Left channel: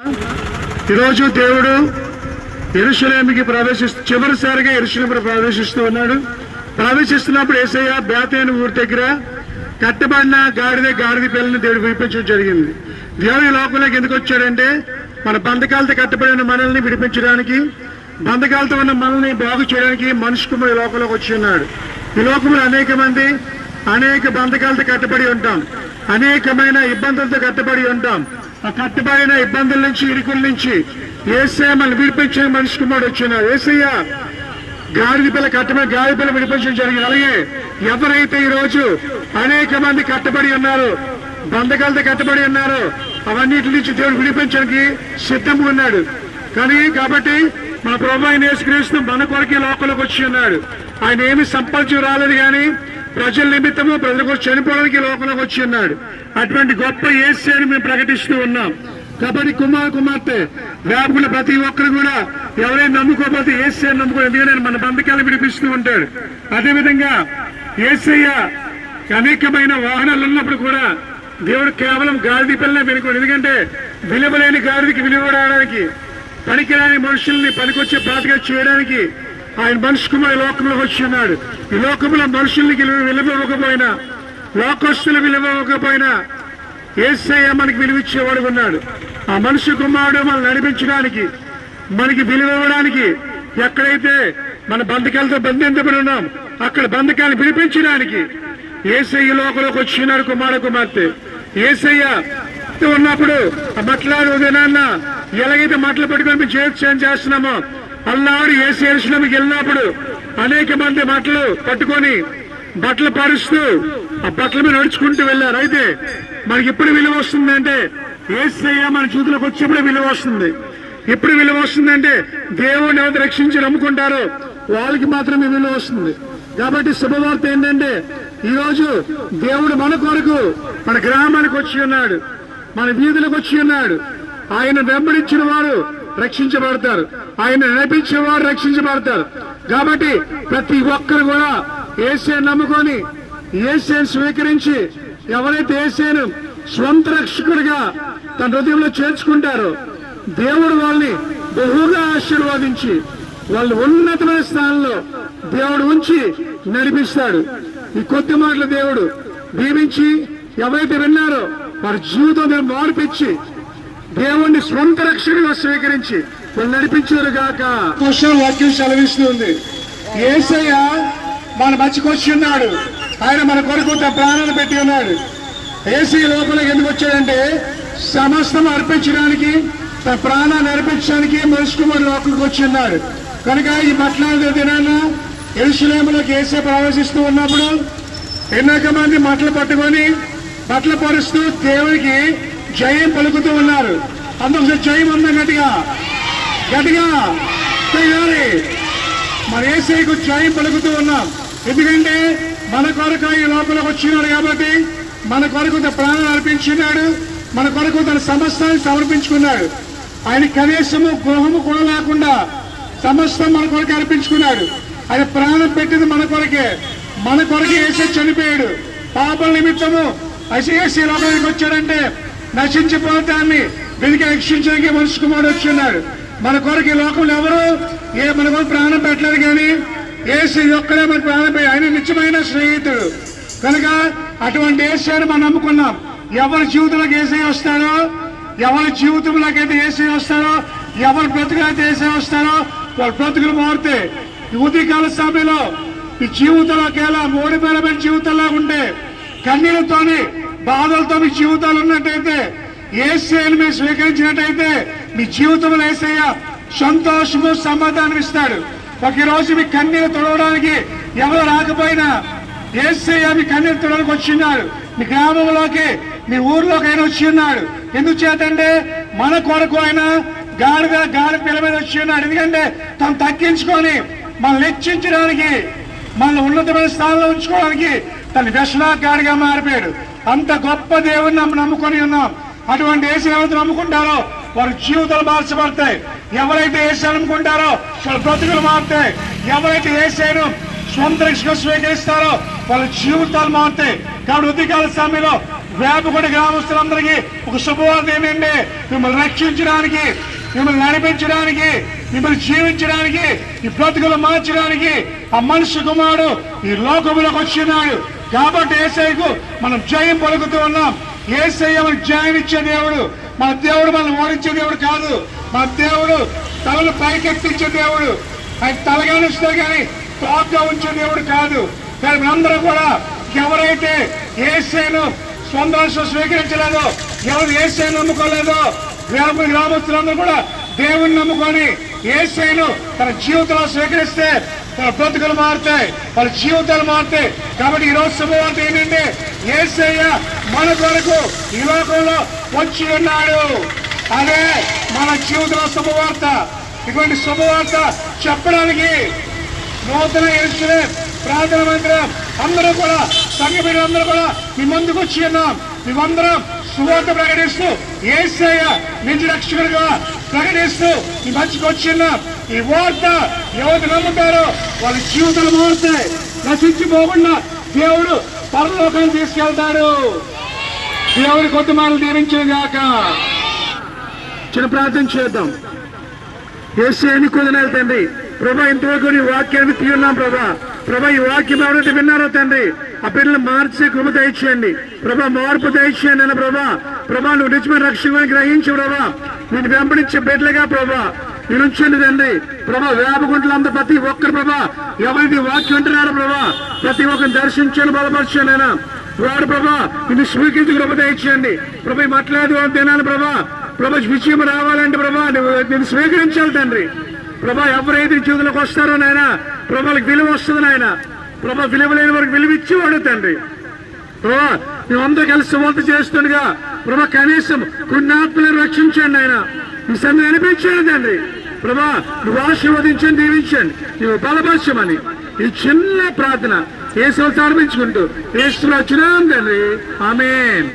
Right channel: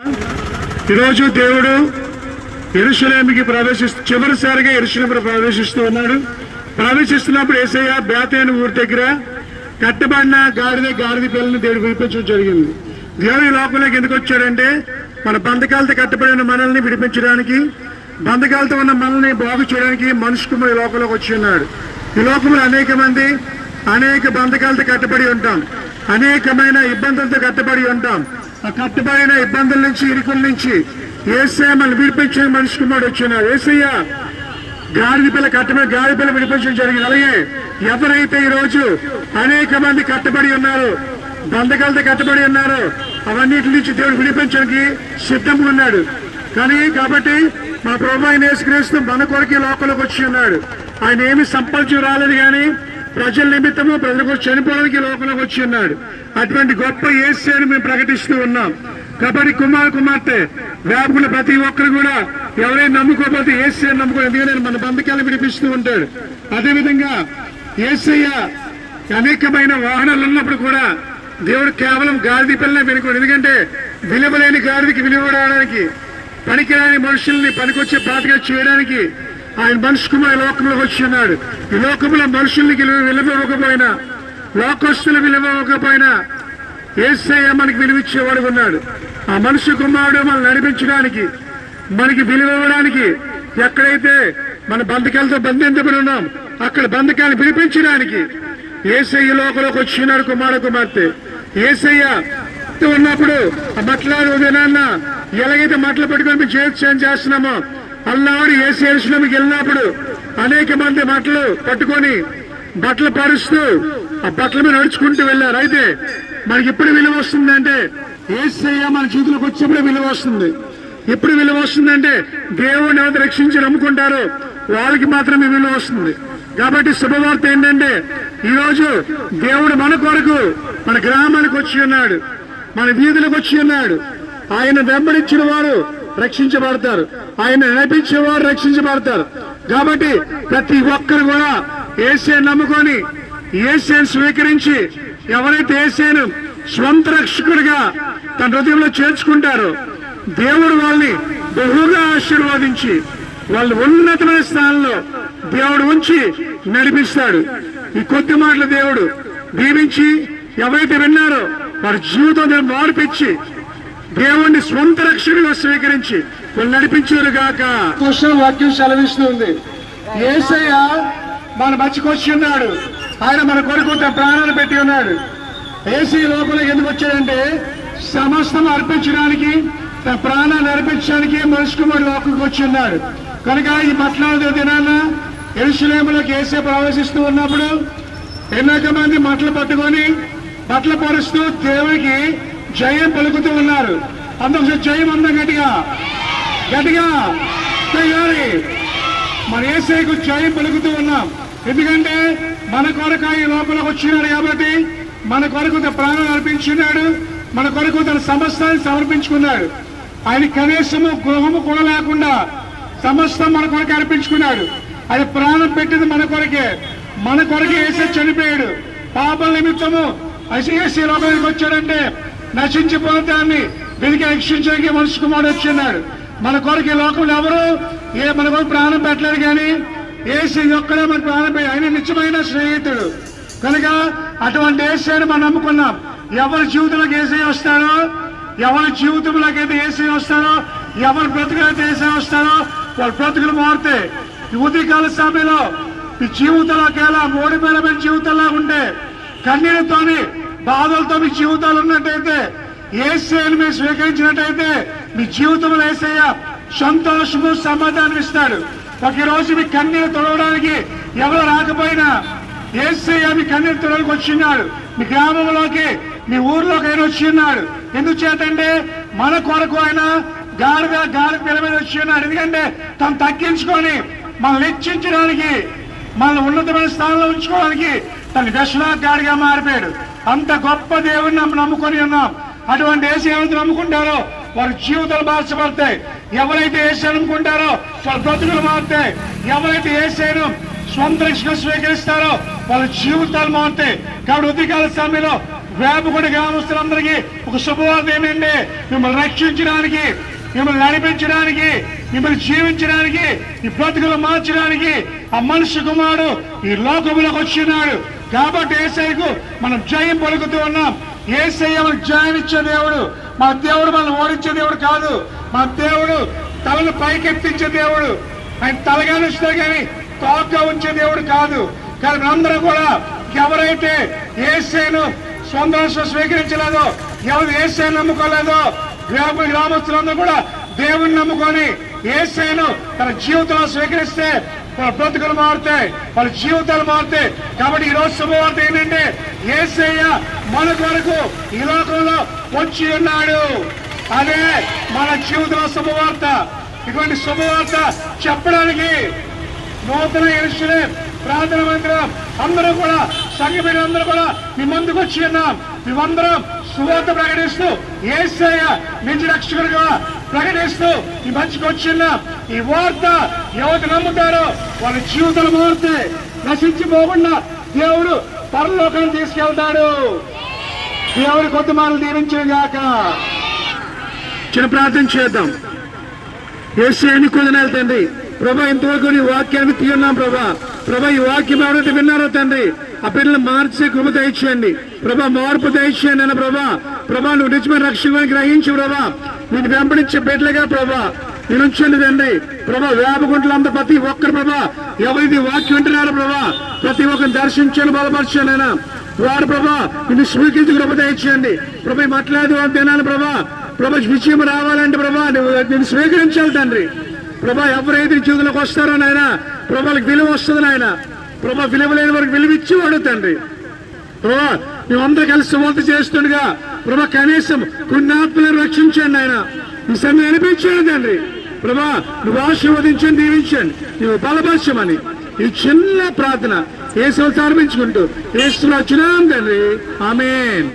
ఈరోజు దేవుడు యెరూషలేముకి చివరిసారిగా యెరూషలేముకు ప్రవేశిస్తూ ఉన్నాడు. ప్రవేశిస్తున్నప్పుడు యేసయ్య బేతేను ఊరి దగ్గర కట్టబడిన గాడిద పిల్లల్ని దేవుడు విడిపించడం జరిగింది. దేవుడు ఈ లోకంలోకి ఎందుకు వచ్చాడంటే మన బంధకాలతో కట్టబడిన మనల్ని విడిపించడానికి, బంధకాలతో ఉన్న మనల్ని బాగు చేయడానికి మనిషి కుమారుడు ఈ లోకంలోకి వచ్చి ఉన్నాడు. ఈ లోకంలో అనేక బంధకాలతో కట్టబడి ఉంటాం, అనేకమైన ఇబ్బందులతో కట్టబడి ఉంటాం. ఆ కట్టబడిన ఇబ్బందుల నుంచి, ఇరుకుల నుంచి యేసయ్య మనల్ని విడిపించే మనిషి కుమారుడు వచ్చినాడు. యేసయ్య గాడిద పిల్ల విడిపించడం జరిగింది. అలాగే ఎవరైతే ఈరోజు అనేక మంది కట్టబడి ఉన్నారు, బంధకాలతో కట్టబడి ఉన్నారు, అవన్నిటి నుంచి దేవుడు విడిపించడానికి సిద్ధంగా ఉన్నాడు. కాబట్టి మా ప్రభువు అయిన యేసుక్రీస్తు మన కొరకే లోకంలోకి వచ్చి ఉన్నాడు. ఆయన ఏమి సంపాదించి రాలేదు, కానీ ప్రజల నిమిత్తము ప్రజల కోసం చనిపోవడానికి లోకంలోకి వచ్చి ఉన్నాడు. అటువంటి గొప్ప యేసుని మేము ప్రకటిస్తూ ఉన్నాం. కాబట్టి కుమార్తె వేపుల ప్రతి ఒక్కరు కూడా ఎవరైనా నమ్ముకోకపోతే యేసయ్యను నమ్ముకో, ఎందుకంటే మన బంధకాలను విడిపిస్తూ ఉంటాడు. అదేవిధంగా యేసయ్య అనేకమైన వాహనాలు ఉన్నప్పుడు కూడా దేవుడు కేవలం గాడిద పిల్లనే వెనుకోడు. ఎందుకంటే విలువలేని గాడిదకి విలువడానికి, పనికిరాని మనుషుల్ని పనికొచ్చే పాతగా చేయడానికి ఆయన మనిషి కుమారుడు లోకంలో వచ్చి ఉన్నాడు. ఈ లోకంలో మనుషులకి విలువకపోయినా, లోకస్తులు విలువకపోయినా యేసయ్య మనకి విలువిచ్చేవాడు ఉన్నాడు. ఆ మనిషి కుమారుడు మనల్ని నడిపించడానికి, మనకి విలువ ఇవ్వడానికి, ఎక్కడైతే మన బంధకాలతో బంధించబడి ఉన్నాం అక్కడ బంధకాలను విడిపించడానికి యేసయ్య లోకంలోకి వచ్చినాడు. కుమార్తె యేసయ్య ఉన్నప్పుడు ఆ మట్లాడు దినాన్న ఎలాగైతే మట్టలు పట్టుకొని మేము చేయం చేస్తున్నామో అల్లాడు యేసయ్య యెరూషలేముకి వెళ్ళినప్పుడు అనేక మంది మట్టలు పట్టుకొని బట్టలు పరుస్తూ ఆ బట్టల మీద నడుచుకుంటూ వెళ్ళారు. అయితే మనకి ఎప్పుడు విలువ వస్తుందంటే యేసయ్య మన జీవితంలోకి వచ్చేప్పుడు విలువ వస్తుంది. ఎప్పుడు విలువ వస్తుందంటే దేవుడిని ఎవరు రక్షించి నమ్ముకుంటారో వాళ్ళకి మాత్రమే విలువ వస్తుంది. కాబట్టి శుభవార్త ఏంటంటే ఈరోజు దేవుడు మన కొరకు మన గ్రామానికి వచ్చి ఉన్నాడు, మన వీధులకు వచ్చి ఉన్నాడు. ఆయన వెంబడించిన వారు రక్షించబడతారు, ఆయన నడిపించేవారు రక్షించబడతారు. కాబట్టి ప్రతి ఒక్కరు కూడా యేసయ్యను నమ్ముకొని యేసయ్యను స్వీకరించి ఎవరైతే యేసయ్యను స్వంత రక్షకుడిగా తన హృదయంలో చేర్చుకుంటారో దేవుడు వాళ్ళని బహుగా ఆశీర్వదించి వాళ్ళు ఉన్నతమైన స్థానంలో దేవుడు ఉంచి నడిపిస్తాడు. ఈ కొద్ది మాటలు దేవుడు దీవించి ఎవరైతే విన్నారో వారి జీవితం మార్పిచ్చి దేవుణ్ణి స్వంత రక్షకుడిగా స్వీకరించి వాళ్ళు నడిపించారు గాక. వాక్యం సెలవిస్తుంది. యేసయ్య మన మధ్యకొచ్చి ఉన్నాడు. ఆయన మన కొరకు తన ప్రాణాలు పెట్టి ఉన్నాడు. యేసయ్య లోపలికి ఎందుకు వచ్చాడంటే సమస్తం అర్పించడానికి, తన ప్రాణాలు అర్పించడానికి మనిషి కుమారుడు లోపలికి వచ్చి ఉన్నాడు. కనుక ఈ మట్లాడు దినాన యెరూషలేములోకి యేసయ్య ప్రవేశిస్తూ ఉన్నప్పుడు అనేక మంది మట్టలు పట్టుకొని బట్టలు పరుస్తూ దేవుడికి జయం పలుకుతూ ఉన్నారు. అందుకు జయం ఉందా? గట్టిగా మన యేసయ్యకు జయం పలుకుతూ ఉన్నాం. ఎందుకంటే మన కొరకు ఈ లోపలికి వచ్చినాడు. కాబట్టి మన కొరకు తన ప్రాణాలు అర్పించున్నాడు, మన కొరకు తన సమస్తాన్ని సమర్పించుకున్నాడు. ఆయన కనీసము గృహము కూడా లేకుండా సమస్తం మన కొరకు అర్పించుకున్నాడు. ఆయన ప్రాణం పెట్టింది మన కొరకే. మన కొరకే యేసయ్య చనిపోయాడు. పాపల నిమిత్తము యేసయ్య లోకానికి వచ్చాడంటే నశించిపోతాన్ని వెతికి రక్షించడానికి మనిషి కుమారుడు వచ్చిన్నాడు. మన కొరకు ఈ లోకంలో ఎవరు మన కొరకు ప్రాణం పెట్టలేదు, కానీ యేసయ్య ఒక్కడే మన ప్రాణం పెట్టి ఆయన నిత్యమైన స్నేహితుడు. కనుక అటువంటి యేసయ్యను మనం నమ్ముకున్నాం. ఎవరి జీవితంలోకి యేసయ్య వస్తారో, ఎవరి జీవితంలోకి యేసయ్య వస్తారో, ఎవరి బ్రతుకులైతే యేసయ్య వస్తారో వాళ్ళ బ్రతుకులు మారుతాయి. ఈ ఉదయకాల సమయంలో ఈ జీవితంలోకి ఎలా ఓడిపోయిన జీవితంలో ఉంటే కన్నీళ్లతోని బాధలతో మీ జీవితాలు ఉన్నట్టయితే యేసయ్యను మీరు స్వీకరించినట్టయితే మీ జీవితంలో యేసయ్య సంతోషము సమాధానం ఇస్తాడు. ఒకరోజు మీ కన్నీరు తొడవడానికి ఎవరు రాకపోయినా యేసయ్య మీ కన్నీరు తొడవడానికి వచ్చిన్నాడు. మీ గ్రామంలోకి, మీ ఊర్లోకి ఆయన వచ్చి ఉన్నాడు. ఎందుకు చేతంటే మన కొరకు ఆయన గాడిద పిల్ల మీద వచ్చి ఉన్నాడు. ఎందుకంటే తను తగ్గించుకొని మనల్ని హెచ్చించడానికి, మనల్ని ఉన్నతమైన స్థానంలో ఉంచుకోవడానికి తన వ్యసనకారిగా మారిపోయాడు. అంత గొప్ప దేవుడిని నమ్ముకొని ఉన్నాం. అటువంటి యేసయ్య ఎవరైతే నమ్ముకుంటారో వారి జీవితాలు మార్చబడతాయి. ఎవరైతే యేసయ్యను నమ్ముకుంటారో వాళ్ళ బ్రతుకులు మారుతాయి. ఎవరైతే యేసయ్యను స్వంత రక్షణ స్వీకరిస్తారో వాళ్ళ జీవితాలు మారుతాయి. కాబట్టి ఉదయకాల సమయంలో వేపకొండ గ్రామస్తులందరికీ ఒక శుభవార్త ఏంటంటే, మిమ్మల్ని రక్షించడానికి, మిమ్మల్ని నడిపించడానికి, మిమ్మల్ని జీవించడానికి, ఈ బ్రతుకులు మార్చడానికి ఆ మనిషి కుమారుడు ఈ లోకంలోకి వచ్చినాడు. కాబట్టి యేసయ్యకు మనం జయం పలుకుతూ ఉన్నాం. యేసయ్య మనకు జయం ఇచ్చే దేవుడు. మన దేవుడు మనల్ని ఓడించే దేవుడు కాదు. మన దేవుడు తలను పైకెత్తించే దేవుడు. ఆయన తలగా ఉంచితే కానీ తోకగా ఉంచే దేవుడు కాదు. కానీ మనందరూ కూడా ఎవరైతే యేసయ్యను సొంత స్వీకరించలేదో, ఎవరు యేసయ్యను నమ్ముకోలేదో, గ్రామస్తులందరూ కూడా దేవుని నమ్ముకొని యేసయ్యను తన జీవితంలో స్వీకరిస్తే తన బ్రతుకులు మారుతాయి, వాళ్ళ జీవితాలు మారుతాయి. కాబట్టి ఈ రోజు శుభవార్త ఏంటంటే, యేసయ్య మన కొరకు ఈ లోకంలో వచ్చి ఉన్నాడు. అదే మన జీవితంలో శుభవార్త. ఇటువంటి శుభవార్త చెప్పడానికి నూతన యెరూషలేము ప్రార్థన మందిరం అందరూ కూడా, సంఘ బిడ్డలందరూ కూడా మీ ముందుకు వచ్చి ఉన్నాం. మేమందరం సువార్త ప్రకటిస్తూ యేసయ్య నిజ రక్షకుడిగా ప్రకటిస్తూ ఈ మంచికి వచ్చిన్నాం. ఈ వార్త ఎవరు నమ్ముతారో వాళ్ళ జీవితాలు మారుతాయి. నశించిపోకుండా దేవుడు పరలోకాన్ని తీసుకెళ్తాడు. దేవుడి కొత్త మాటలు దీవించిన గాక. చిన్న ప్రార్థన చేద్దాం. యేసయ్యని కొదనాలి తండ్రి. ప్రభా, ఇంతవరకు నీ వాక్యాన్ని తీయున్నాం ప్రభా. ప్రభా, ఈ వాక్యం ఎవరైతే విన్నారో తండ్రి, ఆ పిల్లలు మార్చే కృప దయచేయండి ప్రభా, మార్పు దయచేయండి అన్న ప్రభా. ప్రభా, నువ్వు నిజమైన రక్షణ గ్రహించు ప్రభా. నేను వెంబడించే బిడ్డలుగా ప్రభా నేను ఉంచండి తండ్రి. ప్రభా, వేపగుంటలంతా ప్రతి ఒక్కరు ప్రభా ఎవరైతే వాక్యం ఉంటున్నారో ప్రభా ప్రతి ఒక్కరిని దర్శించండి, బలపరచండి అయినా వాడు ప్రభా నిన్ను స్వీకరించి కృప దయచేయండి ప్రభా. మాట్లాడదు తినాలి ప్రభా. ప్రభా, విజయం రావాలంటే ప్రభా నేను స్వీకరించాలి తండ్రి. ప్రభా, ఎవరైతే జీవితంలోకి వస్తారో నాయన ప్రభాలకు విలువ వస్తుంది నాయన. ప్రభా, విలువ లేని వరకు విలువ ఇచ్చేవాడు తండ్రి. ప్రభా, మేమందరూ కలిసి సువార్త చేస్తుండగా ప్రభా కనీసం కొన్ని ఆత్మలను రక్షించండి ఆయన. ఈ సమయం అనిపించండి తండ్రి. ప్రభా, నువ్వు ఆశీర్వదించండి, దీవించండి, నువ్వు బలపరచమని ఈ చిన్న ప్రార్థన యేసుని సమర్పించుకుంటూ యేసులో చున్నాం తండ్రి. ఆమేన్.